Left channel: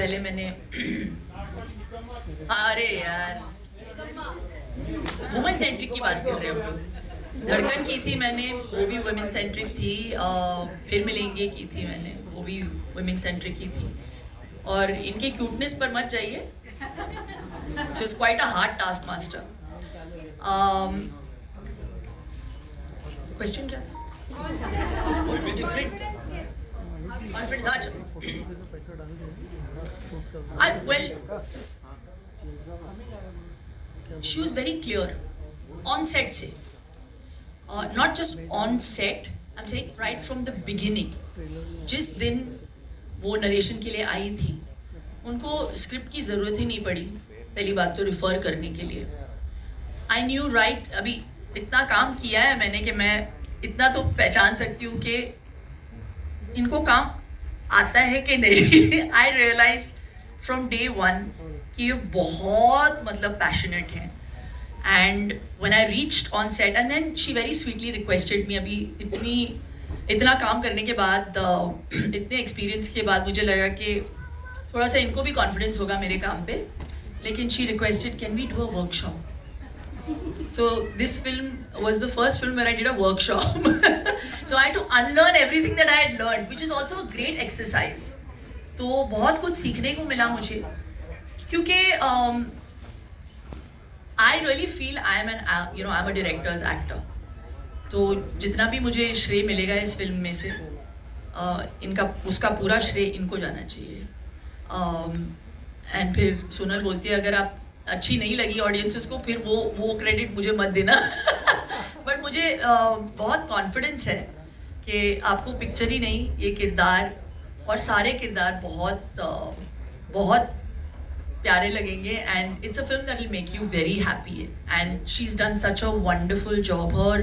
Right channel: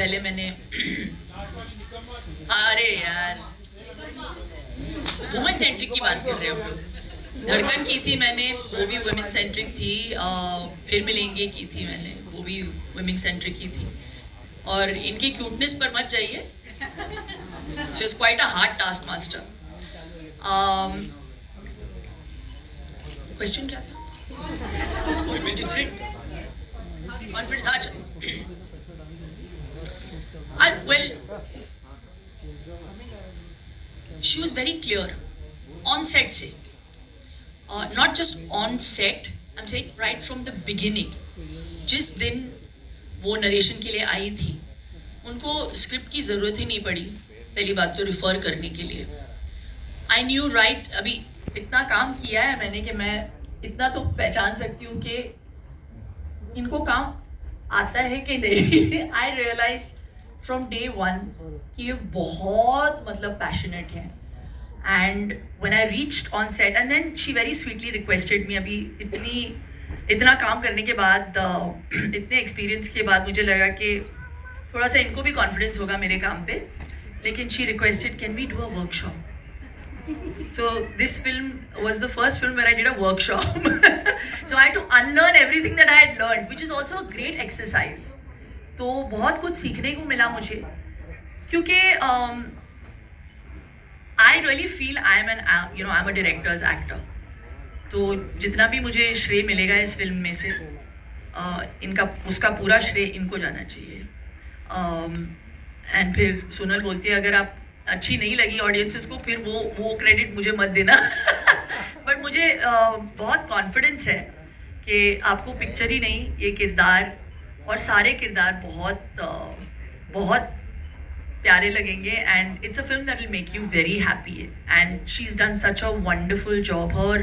पहले मैंने अरे यार वुमेन सेंट्रिक की बात कर रहे हो लोग। धड़कन की थी मैंने, वो भी वुमेन सेंट्रिक थी। फिर मिलेंगे की थी मैंने, वो भी वुमेन सेंट्रिक ही थी। और इनके क्यूटनेस पर मत जाइए, she is quite a hard task master. Question क्या था? Different confidence. अच्छा, well, she was very clear on set से, not just on set, I'm saying right from the beginning. जिस दिन वो नरेशन के लिए आई थी, उनको स्क्रिप्ट की ज़रूरत ही नहीं पड़ी पहली बात तो रिफ़र करने के लिए। आई न्यू राइट, अभी इतना काम किया है मैंने कि मैं इतना तो पहचान सकती हूँ कि इनको काम आता है कि नहीं। I realise from day one कि ये बहुत मतलब पैशनेट हैं। And when I reached on set and then she very sweetly requested me, अभी इतना काम करने के बाद इतने एक्सपीरियंस के बाद मुझे लगा कि थोड़ा सा इनको भी कॉन्फिडेंस होगा मेरे काम पे, लेकिन she requested can we do a workshop. So this film was the first film where I did a workshop. So I had to unlearn everything that I had learned, which is also a great exercise. तो बहुत कुछ सीखने को मिला मुझे, क्योंकि I really feel I'm a director's actor. तो जितना भी मुझे श्रेय मिलेगा इस फिल्म में से, उसका पूरा श्रेय इनको जाना चाहिए. एंड फिर सोनल बोलती है अगर आप अच्छी नहीं लगी ऑडियंसेस को, फिर वो क्रेडिट मुझे मत देना. बट मुझे बहुत कॉन्फिडेंस है कि आपको पिक्चर ही नहीं, ये किरदार और सारे किरदार बहुत प्यारे लगेंगे. And it's a film that will make you very happy. And she is done such a wonderful job. Her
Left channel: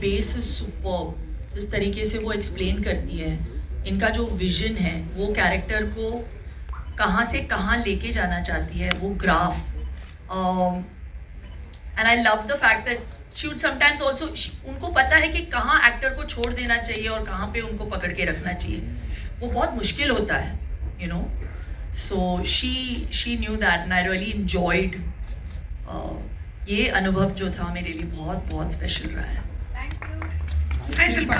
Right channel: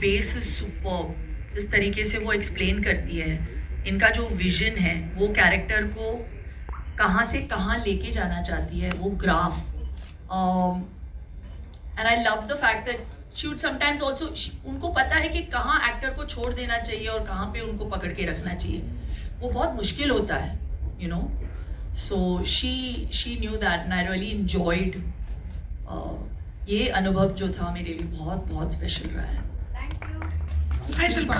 base is superb. जिस तरीके से वो एक्सप्लेन करती है, इनका जो विजन है, वो कैरेक्टर को कहाँ से कहाँ लेके जाना चाहती है, वो graph. And I love the fact that she would sometimes also, उनको पता है कि कहाँ एक्टर को छोड़ देना चाहिए और कहाँ पे उनको पकड़ के रखना चाहिए. वो बहुत मुश्किल होता है, you know. So she knew that and I really enjoyed. ये अनुभव जो था मेरे लिए बहुत बहुत स्पेशल रहा है. Hi Shilpa.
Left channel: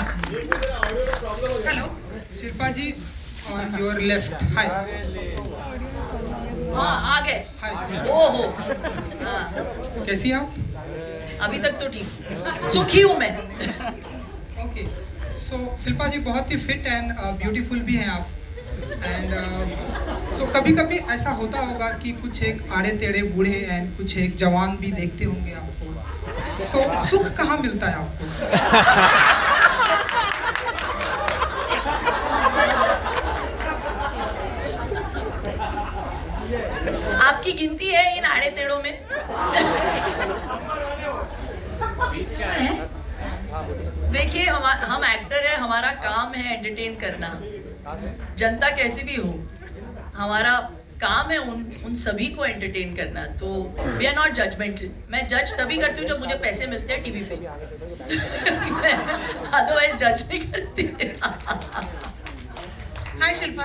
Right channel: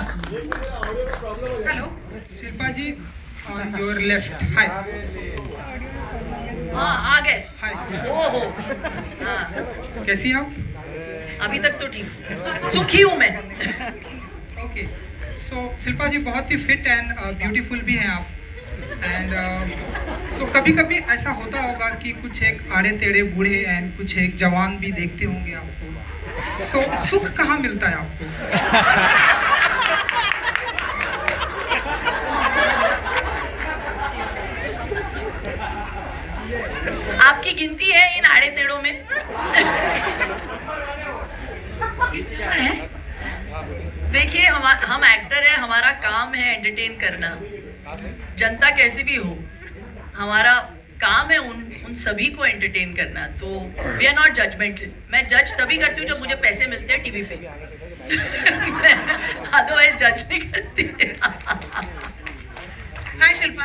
Hello. Shilpa ji, on your left. Hi. हाँ आ गए. Hi. ओहो, कैसी आप? अभी तक तो ठीक, सुखी हूँ मैं. Okay. So शिल्पा जी बहुत ही फिट एंड ब्यूटीफुल भी हैं आप. एंड सो कभी कभी ऐसा होता होगा कि कुछ एक आड़े टेढ़े बूढ़े एंड कुछ एक जवान भी देखते होंगे आपको. सो सुख कहाँ मिलता है आपको? आपकी गिनती है इन आड़े टेढ़ों में? देखिए, हम एक्टर हैं, हमारा काम है एंटरटेन करना. जनता कैसे भी हो, हमारा काम है उन सभी को एंटरटेन करना. तो वी आर नॉट जजमेंटल. मैं जज तभी करती हूँ जब मुझे पैसे मिलते हैं टीवी पे. अदरवाइज जज नहीं करती. हाय शिल्पा,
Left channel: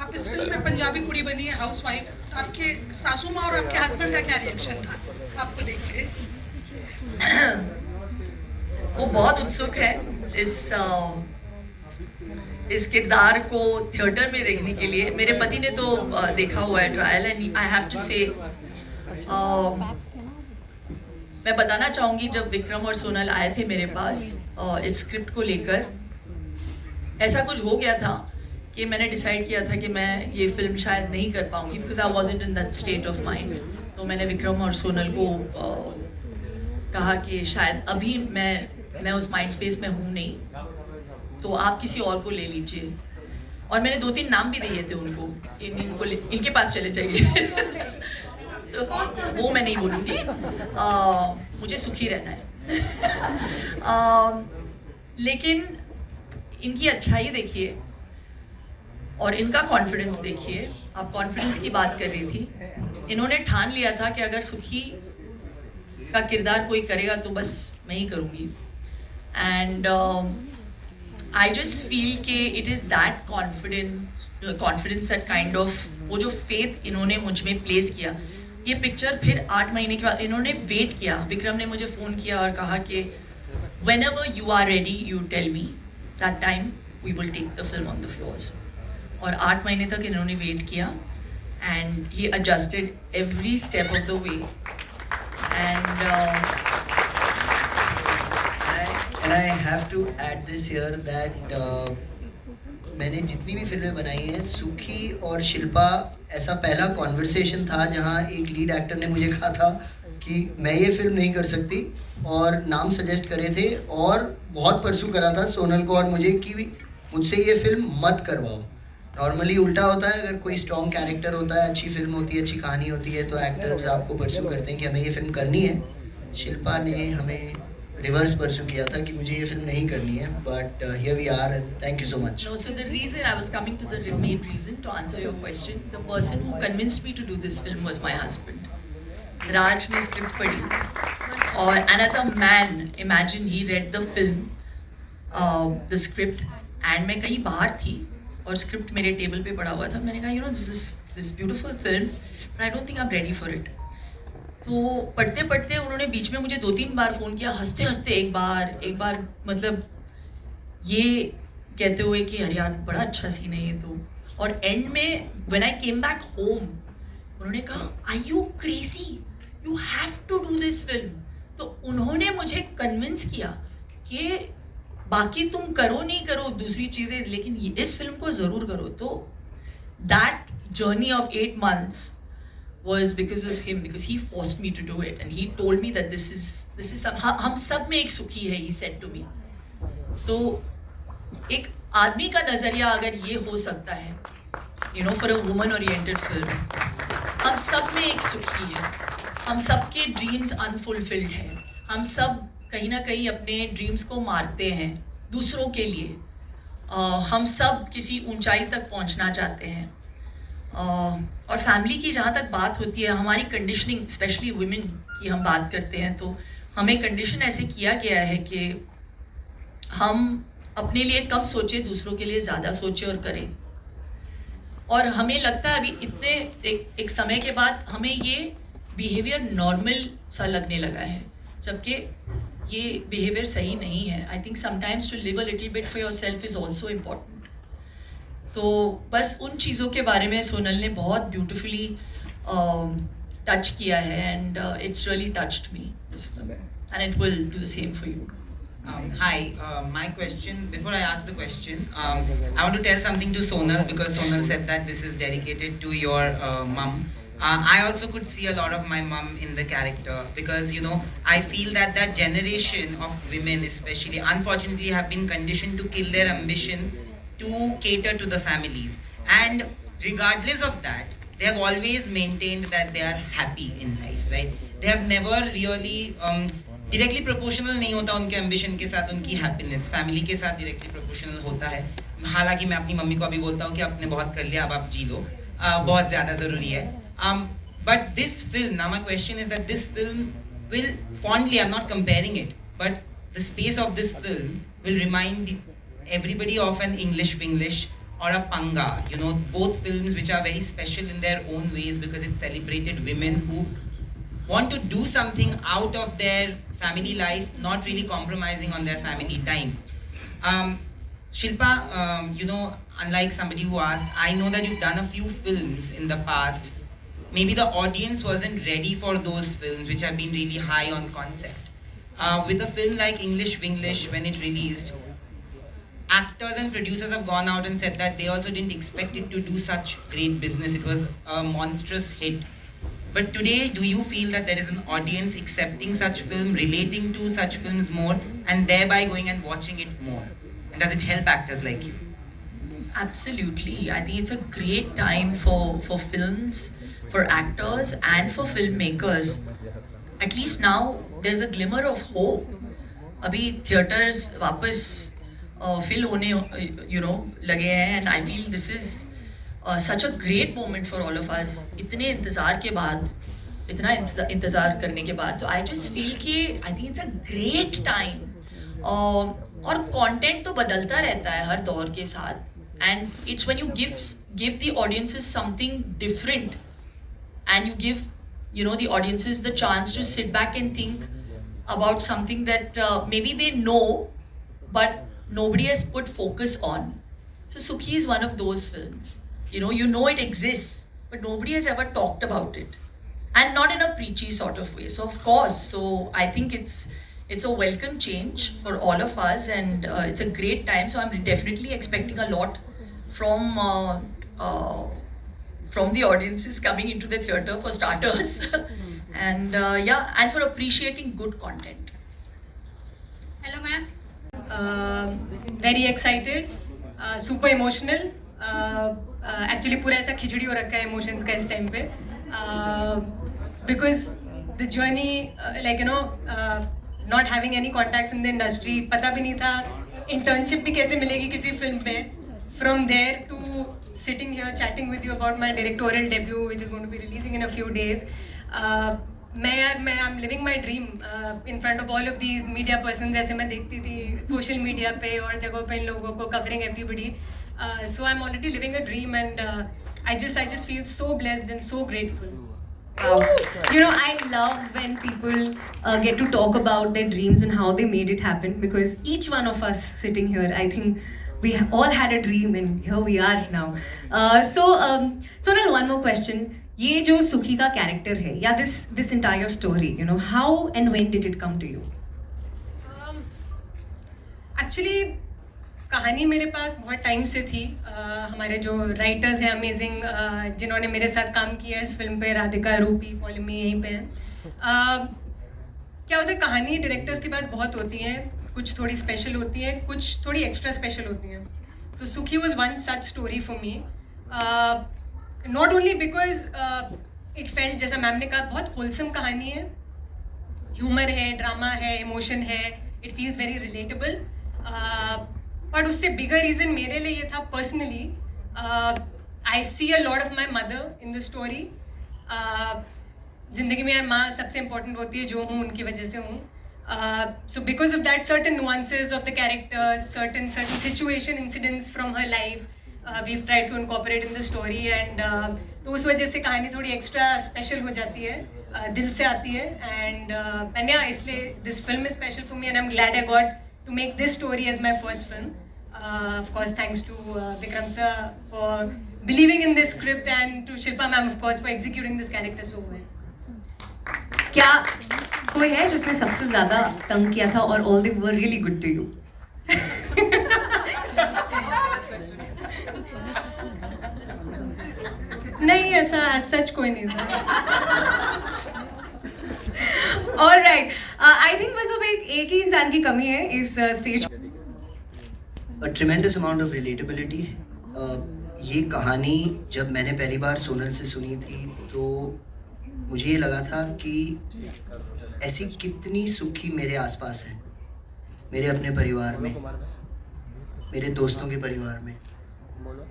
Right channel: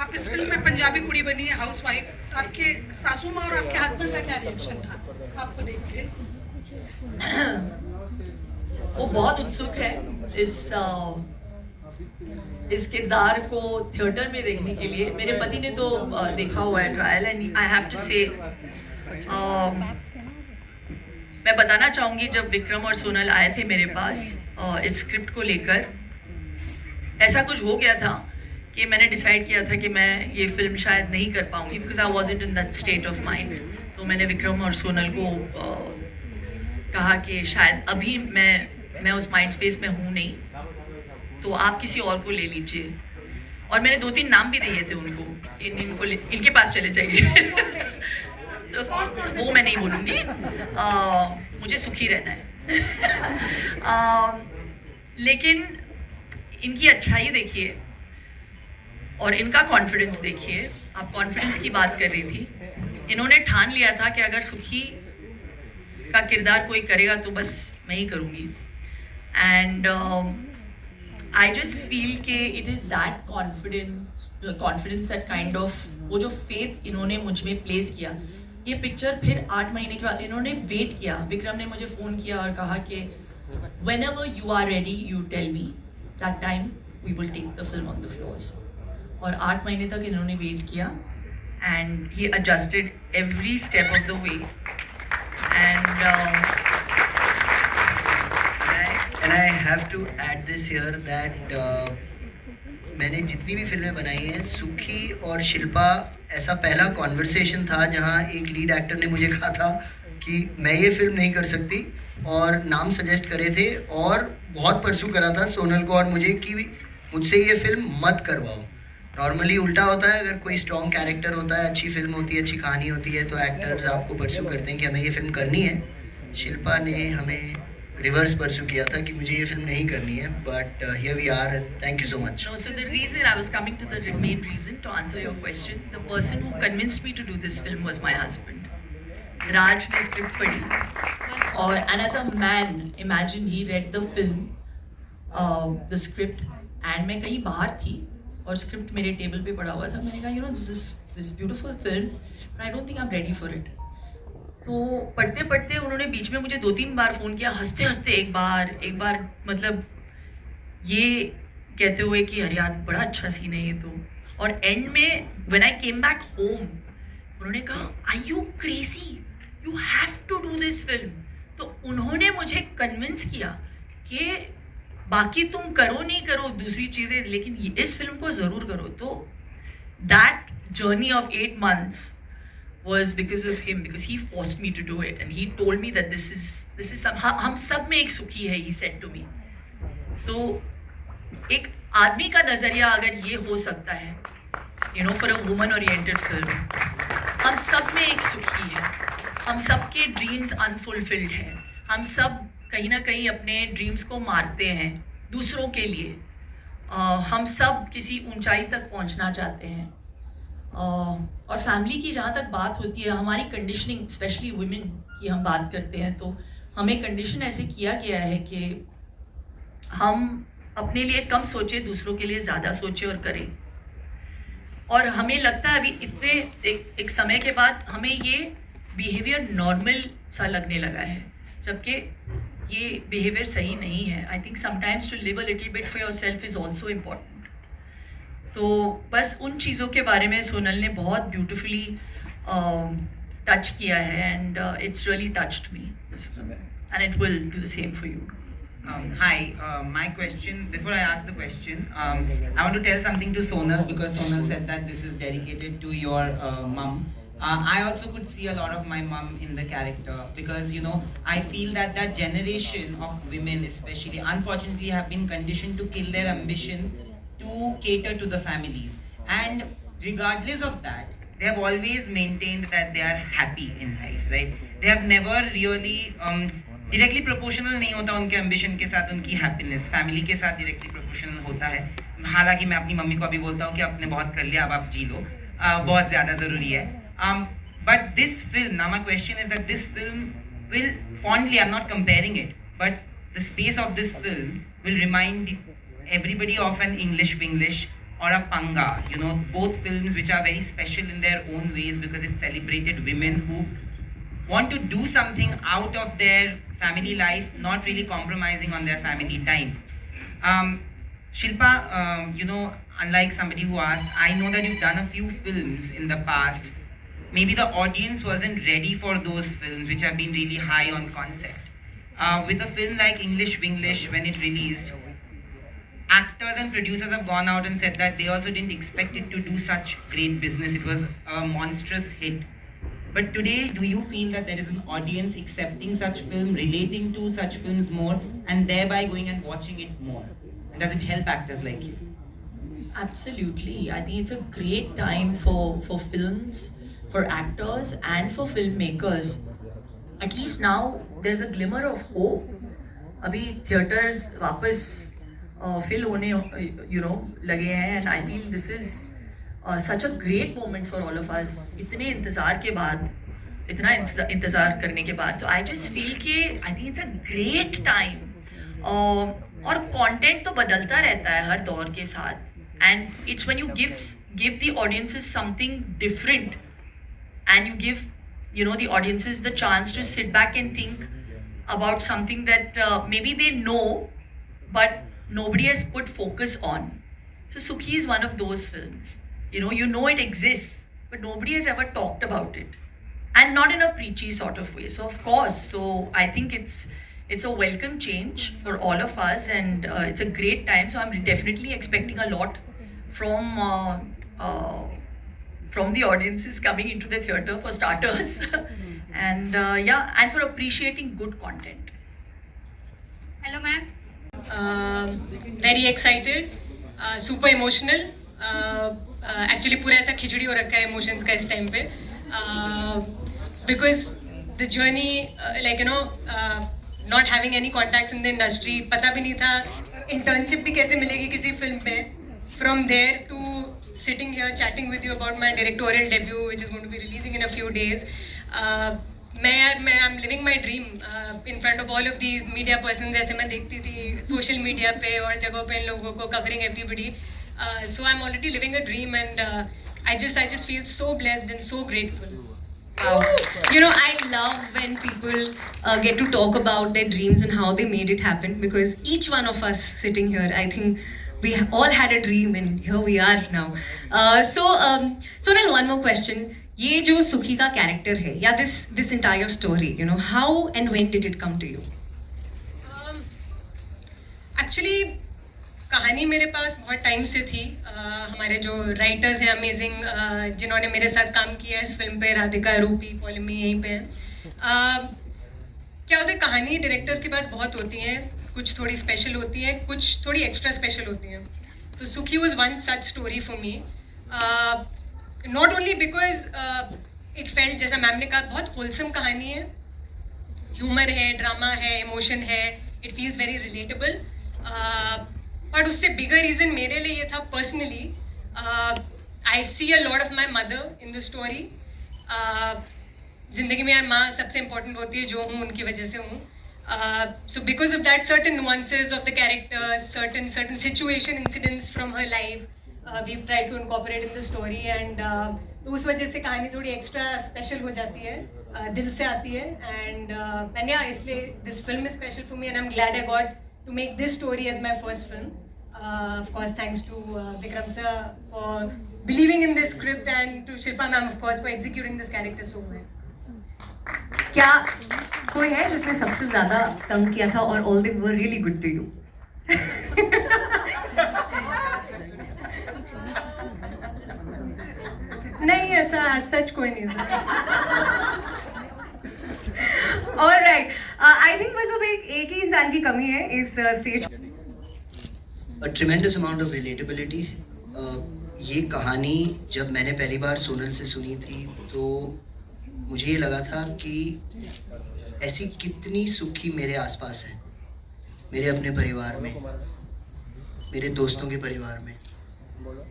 आप इस फिल्म में पंजाबी कुड़ी बनी है, हाउस वाइफ. आपके सासू माँ और आपके हस्बैंड का क्या रिएक्शन था आपको देख के? वो बहुत उत्सुक है इस किरदार को थिएटर में देखने के लिए. मेरे पति ने तो देखा हुआ है trial. And I have to say, मैं बताना चाहूँगी जब विक्रम और सोनल आए थे मेरे पास इस स्क्रिप्ट को लेकर, ऐसा कुछ हो गया था कि मैंने डिसाइड किया था कि मैं ये फिल्म शायद नहीं कर पाऊँगी, because I wasn't in that state of mind. तो मैंने विक्रम और सोनल को कहा कि शायद अभी मैं उस माइंड स्पेस में हूँ नहीं, तो आप किसी और को ले लीजिए. और मैंने 2-3 नाम भी दिए थे उनको, इनके पास चले जाइए. तो वो मैं नहीं बोलूँगी, मुझे सुखी रहना है. लेकिन इनकी अच्छाई देखिए और इनका कॉन्फिडेंस देखिए. आप कॉन्फिडेंस की बात कर रही थी. इन्होंने ठान लिया था कि अगर सुखी का किरदार कोई करेगा तो बस मैं ही करूँगी. एंड I just feel कि it is that confidence that kind of वो जो faith इन्होंने मुझ में place किया, ये पिक्चर फिर 8 महीने के बाद इन्होंने वेट किया. विक्रम ने मुझे फ़ोन किया और कहा कि whenever you are ready, you tell me. That time we will take the film on the floors. और 8 महीने तक इन्होंने वेट किया and he adjusted every step of the way. And And I have to add this here that मैंने जितनी भी फिल्में बनाई हैं, सुखी और शिल्पा ऐसा पहला कॉन्वर्सेशन था जहाँ एक लीड एक्टर ने मुझे कहा था कि मैं ये फिल्म नहीं कर सकती और नाम सजेस्ट करे थे और बहुत परसू करा था सोनल को और मुझे कि मुझसे ये फिल्म मत करवाओ. नॉर्मली उल्टा होता है, अगर कोई स्ट्रॉन्ग कैरेक्टर होता है, अच्छी फिल्म होती है, अच्छी कहानी होती है तो एक्टर्स आपको परसू करते हैं कि हमें ये फिल्म करनी है. शिल्पा ने हमें रिवर्स परसू किया था कि मुझे ये फिल्म नहीं करनी है, but here we are and thank you so much. no, so the reason I was coming to the main reason to answer your question, the person who convinced me to do this film was my husband. Raj ने script पढ़ी और and as a man, imagine he read the film, the script, and मैं कहीं बाहर थी और script मेरे table पे पड़ा हुआ था. मैंने कहा this is this beautiful film, but I don't think I'm ready for it. तो पढ़ते पढ़ते उन्होंने बीच में मुझे 2-3 बार फ़ोन किया, हंसते हंसते एक बार मतलब ये कहते हुए कि अरे यार बड़ा अच्छा सीन है ये तो. और एंड में when I came back home उन्होंने कहा are you crazy, you have to do this film. तो उन्होंने मुझे कन्विंस किया कि बाकी तुम करो नहीं करो दूसरी चीज़ें, लेकिन इस फिल्म को ज़रूर करो. तो that journey of 8 months was because of him, because he forced me to do it and he told me that this is some हम सब में एक सुखी है, he said to me. तो एक आदमी का नज़रिया अगर ये हो सकता है, you know, for a woman oriented film, हम सब में एक सुखी है, हम सब के ड्रीम्स अनफुलफिल्ड है, हम सब कहीं ना कहीं अपने ड्रीम्स को मारते हैं दूसरों के लिए, हम सब किसी ऊंचाई तक पहुंचना चाहते हैं. और फैमिली की जहाँ तक बात होती है, हमारी कंडीशनिंग स्पेशली वुमेन की हम बात करते हैं तो हमें कंडीशन ऐसे किया गया है कि हम अपने लिए कम सोचें, दूसरों के लिए ज़्यादा सोचें और करें. और हमें लगता है अभी इतने एक समय के बाद हमें ये बिहेवियर नॉर्मल सा लगने लगा है, जबकि ये बिहेवियर सही नहीं है. I think sometimes to live a little bit for yourself is also important. तो बस उन चीज़ों के बारे में सोनल ने बहुत ब्यूटिफुली टच किया है and it's really touched me and it will do the same for you. Hi, my question, before I ask the question, I want to tell something to Sonal because Sonal said that this is dedicated to your mum. I also could see a lot of my mum in the character because, you know, I feel that that generation of women especially, unfortunately, have been conditioned to kill their ambition to cater to the families. And regardless of that, they have always maintained that they are happy in life, right? They have never really... directly proportional नहीं होता उनके ambition के साथ उनकी happiness, family के साथ directly proportional होता है. हालांकि मैं अपनी मम्मी को अभी बोलता हूँ कि आपने बहुत कर लिया, अब आप जी लो, बहुत ज़्यादा ज़रूरी है. But this film, now my question is that this film will fondly, I am not comparing it, but the space of this film will remind everybody of an English Winglish or a Panga, you know, both films which are very special in their own ways because it celebrated women who want to do something out of their family life, not really compromising on their family time. Shilpa, you know, unlike somebody who asked, I know that you've done a few films in the past. Maybe the audience wasn't ready for those films which have been really high on concept. With a film like English Winglish, when it released, actors and producers have gone out and said that they also didn't expect it to do such great business. It was a monstrous hit. But today, do you feel that there is an audience accepting such film, relating to such films more, and thereby going and watching it more? And does it help actors like you? Absolutely. I think it's a great time for films, for actors, and for filmmakers. At least now, there's a glimmer of hope. अभी theatres वापस fill होने लगे हैं, and I feel this is such a great moment for all of us. इतने इंतज़ार के बाद, इतना इंतज़ार करने के बाद, तो I just feel कि I think it's a great time. और कंटेंट तो बदलता रहता है हर दौर के साथ, and it's when you give the audiences something different, and you give the audiences the chance to sit back and think about something that maybe they know but nobody has put focus on. So Sukhi is one of those films. You know it exists, but nobody has ever talked about it, and not in a preachy sort of way. So of course, I think it's a welcome change for all of us, and it's a great time. So I'm definitely expecting a lot from the audiences coming into the theatre, for starters. And and for appreciating good content. Hello, ma'am. Very excited, super emotional. Actually पूरा ऐसा खिचड़ी हो रखा है emotions का इस time पे, because the journey, not having any contacts in the industry, पता भी नहीं था internship भी कैसे मिलेगी किसी film पे. From there to sitting here chatting with you about my directorial debut, which is going to be releasing in a few days. I'm living my dream in front of all of these media persons, जैसे मैं देखती थी social media पे और जगहों पे इन लोगों को covering everybody. So I'm already living a dream, and I just feel so blessed and so grateful. I love when people get to talk about their dreams and how they made it happen, because each one of us sitting here, I think we all had a dream and here we are now. Sonal, one more question. ये जो सुखी का character है, या this entire story, how and when did it come to you? Actually कहानी मेरे पास बहुत time से थी. हमारे जो राइटर्स हैं अमेजिंग, जिन्होंने मेरे साथ काम किया इस फिल्म पे, राधिका, रूपी, पॉलिमी यहीं पे हैं. क्या होता है, कहानी डायरेक्टर्स के पास बहुत होती हैं, कुछ थोड़ी स्पेशल होती है, कुछ थोड़ी एक्स्ट्रा स्पेशल होती हैं. तो सुखी was one such story for me, not only because it felt, जैसा मैम ने कहा, बहुत होलसम कहानी है, ह्यूमर है, ड्रामा है, इमोशन है, it feels very relatable. But उससे बिगर रीज़न मेरे लिए ये था personally, I see a lot of my mother in the story. ज़िंदगी में यार माँ सबसे इम्पोर्टेंट होती है, जो हूँ उनकी वजह से हूँ. So because of that, certain nuances of the characters, certain situation incidents from her life, we've tried to incorporate in the story, and तो उस वजह से कहानी थोड़ी extra special हो जाती है, दिल से आती है. And yeah, इसलिए this film is special for me, and I'm glad I got to make this story as my first film. Of course, thanks to Vikram sir for believing in this script, and to Shilpa ma'am, of course, for executing this character so well. क्या कोई है जिसने सबसे ज्यादा तंग किया था, और all they were really good to you? नहीं, ऐसा सच कोई नहीं था. All right, I think बस अब एक ही इंसान की कमी है इस stage. A tremendous amount of relatability. ये कहानी जब मैंने पहली बार सोनल से सुनी थी, तो मुझे ये लगा था कि ऐसी कितनी सुखी मेरे आसपास हैं, मेरे अपने परिवार में, मेरे दोस्तों के परिवार में.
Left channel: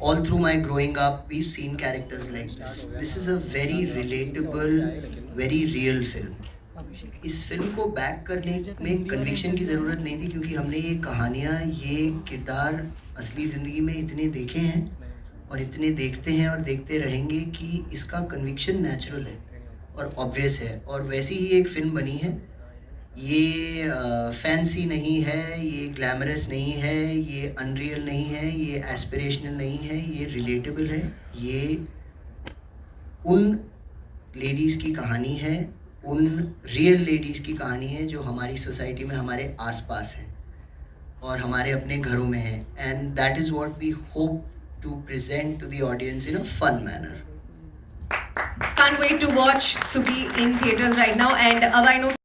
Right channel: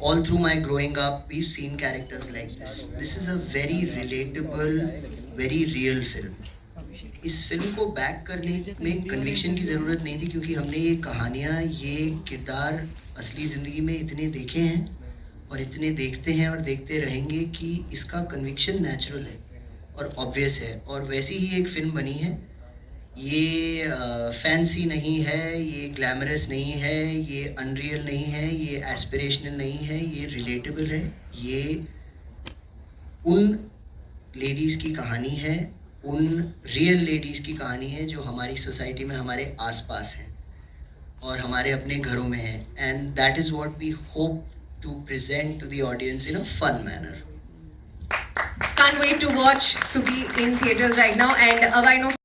All through my growing up, we've seen characters like this. This is a very relatable, very real film. इस फिल्म को बैक करने में कन्विक्शन की ज़रूरत नहीं थी, क्योंकि हमने ये कहानियाँ, ये किरदार असली ज़िंदगी में इतने देखे हैं और इतने देखते हैं और देखते रहेंगे कि इसका कन्विक्शन नेचुरल है और ऑब्वियस है. और वैसी ही एक फ़िल्म बनी है. ये फैंसी नहीं है, ये ग्लैमरस नहीं है, ये अनरियल नहीं है, ये एस्पिरेशनल नहीं है, ये रिलेटेबल है. ये उन लेडीज़ की कहानी है, उन रियल लेडीज़ की कहानी है जो हमारी सोसाइटी में हमारे आसपास हैं और हमारे अपने घरों में हैं. And that is what we hope to present to the audience in a fun manner. Can't wait to watch Sukhi in theaters right now, and अब I know